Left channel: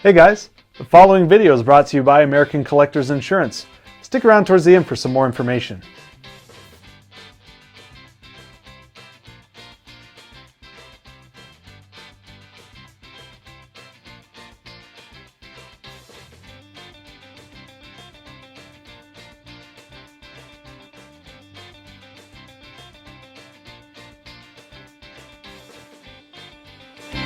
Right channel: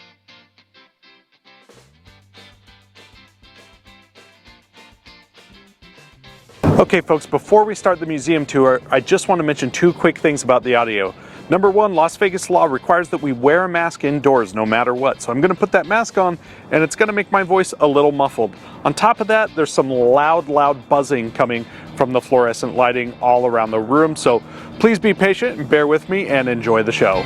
Hey guys, the following video is brought to you by American Collectors Insurance. Stick around towards the end for some more information. Okay folks, before we start the museum tour, I just want to mention two quick things about the audio. Number one, Las Vegas law requires that we wear a mask indoors no matter what. So I'm going to put that mask on and it's going to make my voice a little muffled. On top of that, there's some loud buzzing coming from the fluorescent lighting all around the room. So please be patient and bear with me and enjoy the show.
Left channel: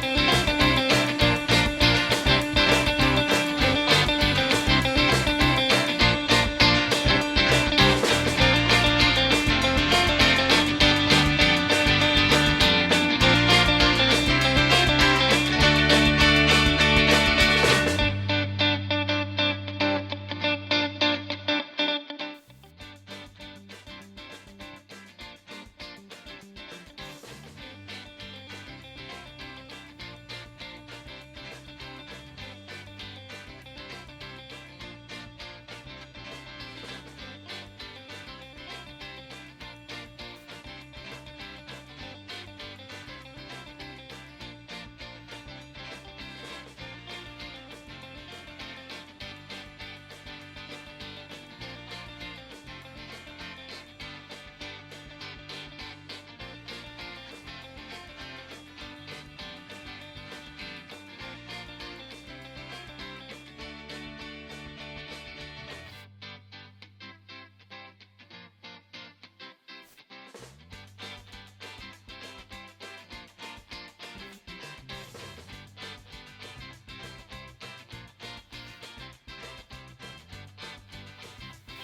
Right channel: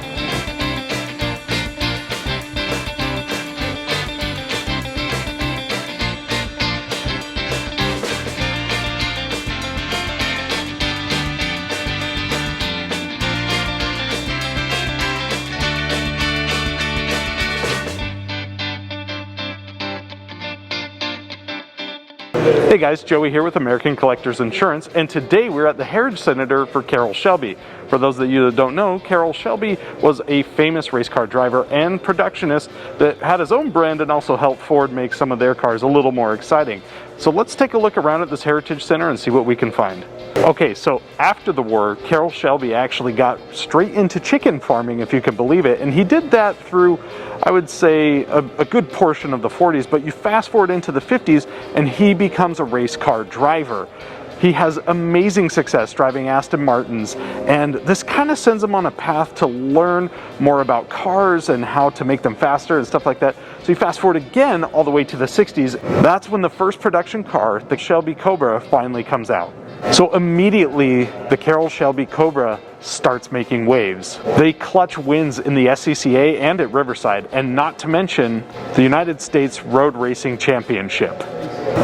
Hey guys, Joey here with American Collectors Insurance, and today we're at the Heritage Center for Carroll Shelby. For those of you that don't know, Carroll Shelby was a famous race car driver and productionist that had his own brand and also helped Ford make some of their cars a little more exciting. So let's take a look around at this Heritage Center and see what we can find. Okay, so after the war, Carroll Shelby actually got straight into chicken farming, if you can believe it, and he did that through, I would say, a good portion of the 40s, but you fast forward into the 50s and he becomes a race car driver. He has amazing success driving Aston Martins, and this kind of sends him on a path to learn more about cars and how to make them faster and stuff like that. So you fast forward again all the way to the 60s. That's when the first production car, the Shelby Cobra, finally comes out. So immediately, the Carroll Shelby Cobra starts making waves. They clutch wins in the SCCA and at Riverside, and not to mention the United States Road Racing Championship.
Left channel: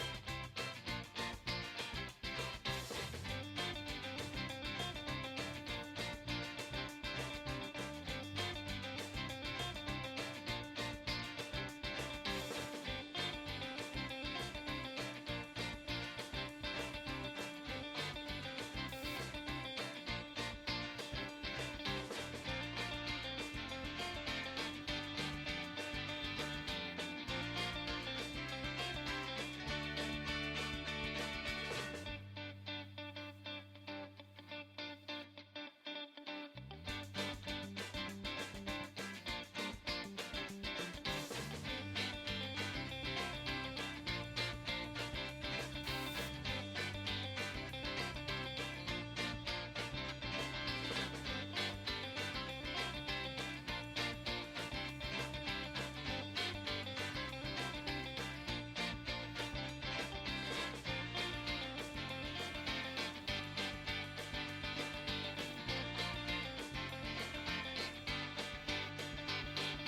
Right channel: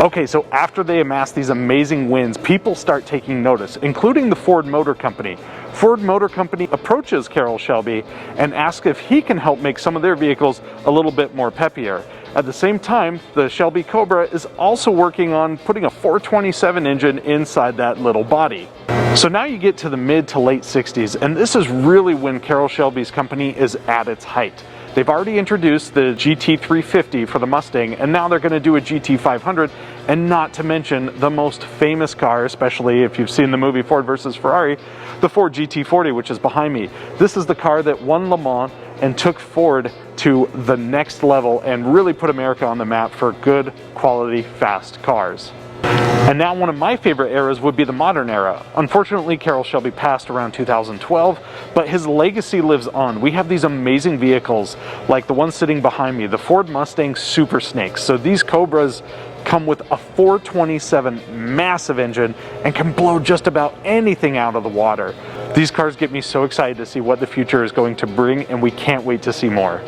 Okay, so after they amass these amazing wins, people start taking notice, including the Ford Motor Company. Ford Motor Company approaches Carroll Shelby and asks if he can help make some of their vehicles a little bit more peppier. At the same time, the Shelby Cobra is also working on putting a 427 engine inside that little body. So now you get to the mid to late 60s, and this is really when Carroll Shelby's company is at its height. They've already introduced the GT350 for the Mustang, and now they're going to do a GT500, and not to mention the most famous car, especially if you've seen the movie Ford versus Ferrari, the Ford GT40, which is behind me. This is the car that won Le Mans and took Ford to the next level and really put America on the map for good, quality, fast cars. And now one of my favorite eras would be the modern era. Unfortunately, Carroll Shelby passed around 2012, but his legacy lives on. We have these amazing vehicles like the one sitting behind me, the Ford Mustang Super Snakes. So these Cobras come with a 427 massive engine and can blow just about anything out of the water. These cars get me so excited to see what the future is going to bring, and we can't wait to see more.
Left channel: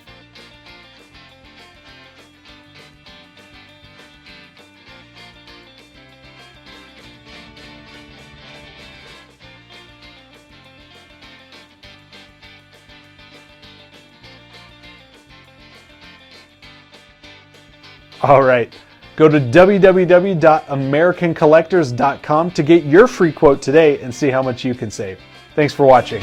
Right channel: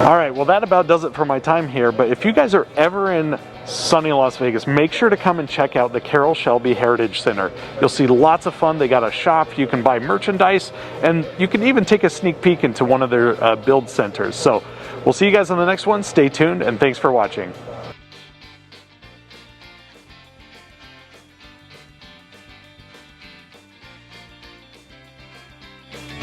All right, well that about does it for my time here, but if you guys are ever in sunny Las Vegas, make sure to come and check out the Carroll Shelby Heritage Center. You'll see lots of fun. They got a shop, you can buy merchandise, and you can even take a sneak peek into one of their build centers. So we'll see you guys on the next one. Stay tuned, and thanks for watching. All right, go to www.americancollectors.com to get your free quote today and see how much you can save. Thanks for watching.